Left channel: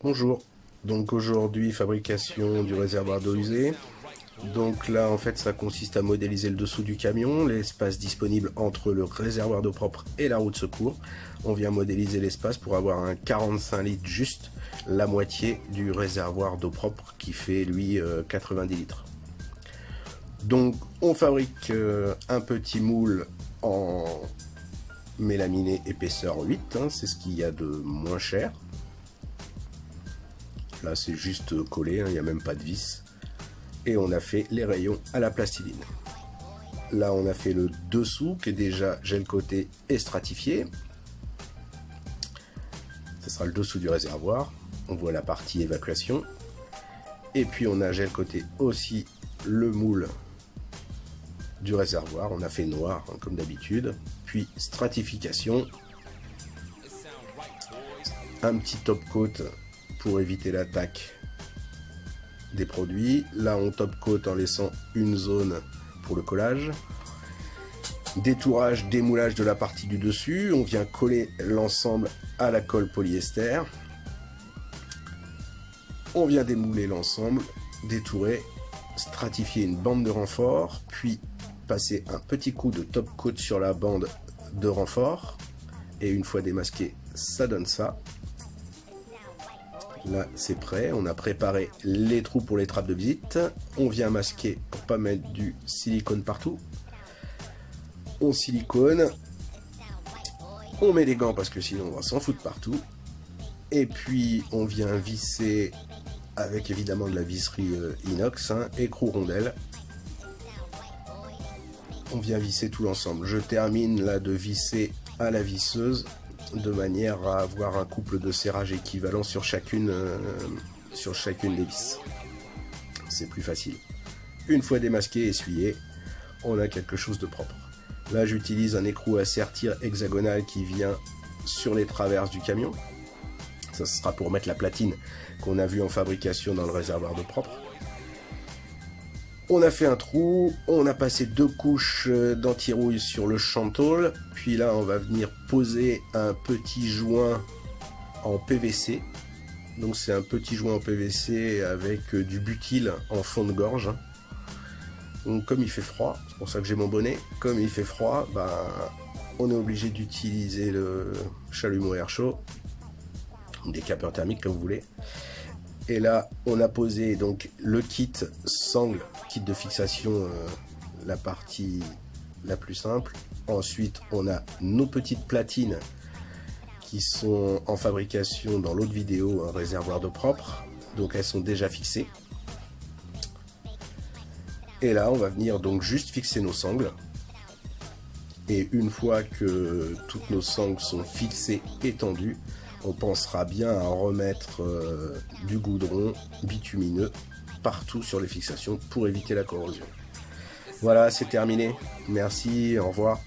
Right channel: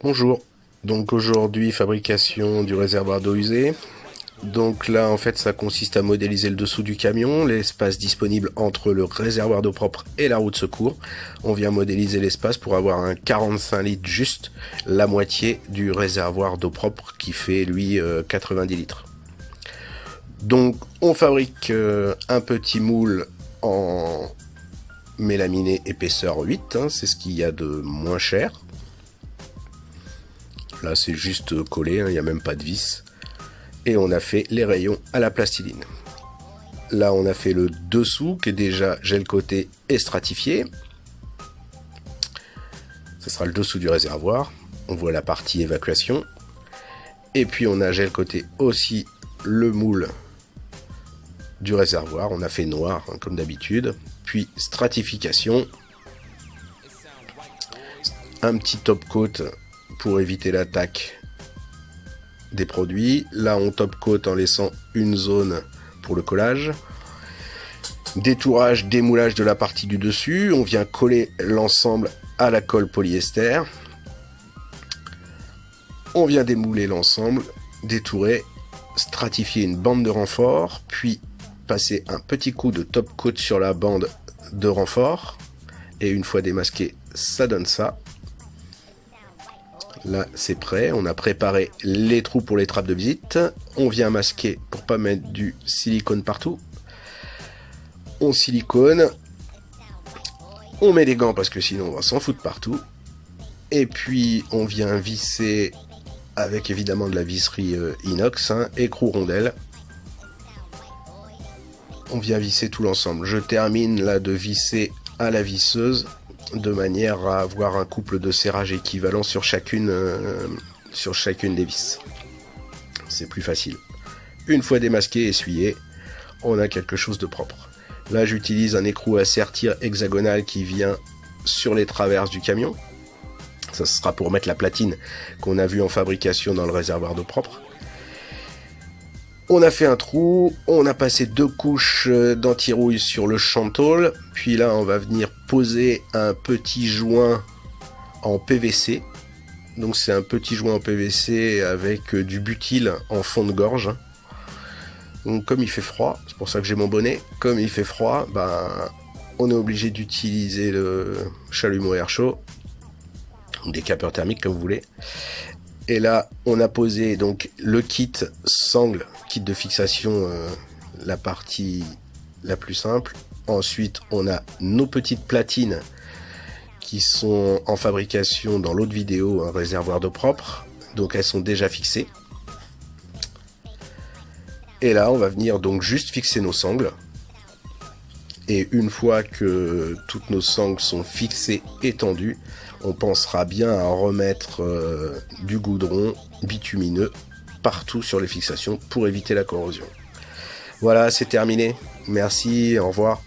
Bonjour, donc aujourd'hui fabrication du réservoir d'eau usée. Donc là en fait ça consiste à modéliser le dessous du camion, l'espace disponible entre le réservoir d'eau propre et la roue de secours. On vient modéliser l'espace pour avoir un 45 litres juste, la moitié du réservoir d'eau propre qui fait lui 90 litres. Donc on fabrique un petit moule en mélaminé épaisseur 8, hein, c'est ce qu'il y a de moins cher. Là c'est juste collé, hein, il n'y a même pas de vis. Et on a fait les rayons à la plastiline. Là on a fait le dessous qui est déjà gel coaté et stratifié. Ce sera le dessous du réservoir. On voit la partie évacuation. Et puis on a gel coaté aussi le moule du réservoir. On a fait noir hein, comme d'habitude. Puis stratification. Un petit top coat pour éviter l'attaque des produits. Là on top coat en laissant une zone pour le collage. Détourage, démoulage de la partie du dessus. On vient coller l'ensemble à la colle polyester. On vient démouler l'ensemble, détourer, stratifier une bande de renfort, puis passer un petit coup de top coat sur la bande de renfort. Et une fois démasqué, ça donne ça. Là c'est prêt, on a préparé les trous pour les trappes de visite. On vient masquer pour pas mettre du silicone partout. On silicone. On met des gants parce que sinon on va s'en foutre partout. Et puis on vient visser avec évidemment de la visserie inox, hein, écrou rondelle. On vient visser tout l'ensemble. Je termine là de visser à la visseuse de manière à avoir un couple de serrage équivalent sur chacune des vis. C'est plus facile. Une fois démasqué et essuyé, on a quelque chose de propre. Là j'utilise un écrou à sertir hexagonal qui vient sur les traverses du camion. Ça sera pour mettre la platine qu'on a vue en fabrication dans le réservoir d'eau propre. On a fait un trou, on a passé 2 couches d'anti-rouille sur le chantoul, puis là on va venir poser un petit joint en PVC. Donc c'est un petit joint en PVC avec du butyl en fond de gorge. Donc comme il fait froid, c'est pour ça que j'ai mon bonnet, comme il fait froid, on est obligé d'utiliser le chalumeau air chaud, ou des capeurs thermiques comme vous voulez. Et là, on a posé donc le kit sangle, kit de fixation, la partie la plus simple. Ensuite, on a nos petites platines qui sont en fabrication dans l'autre vidéo, un réservoir d'eau propre. Donc elles sont déjà fixées. Et là, on va venir donc juste fixer nos sangles. Et une fois que toutes nos sangles sont fixées et tendues, on pensera bien à remettre du goudron bitumineux partout sur les fixations pour éviter la corrosion. Voilà, c'est terminé. Merci, au revoir.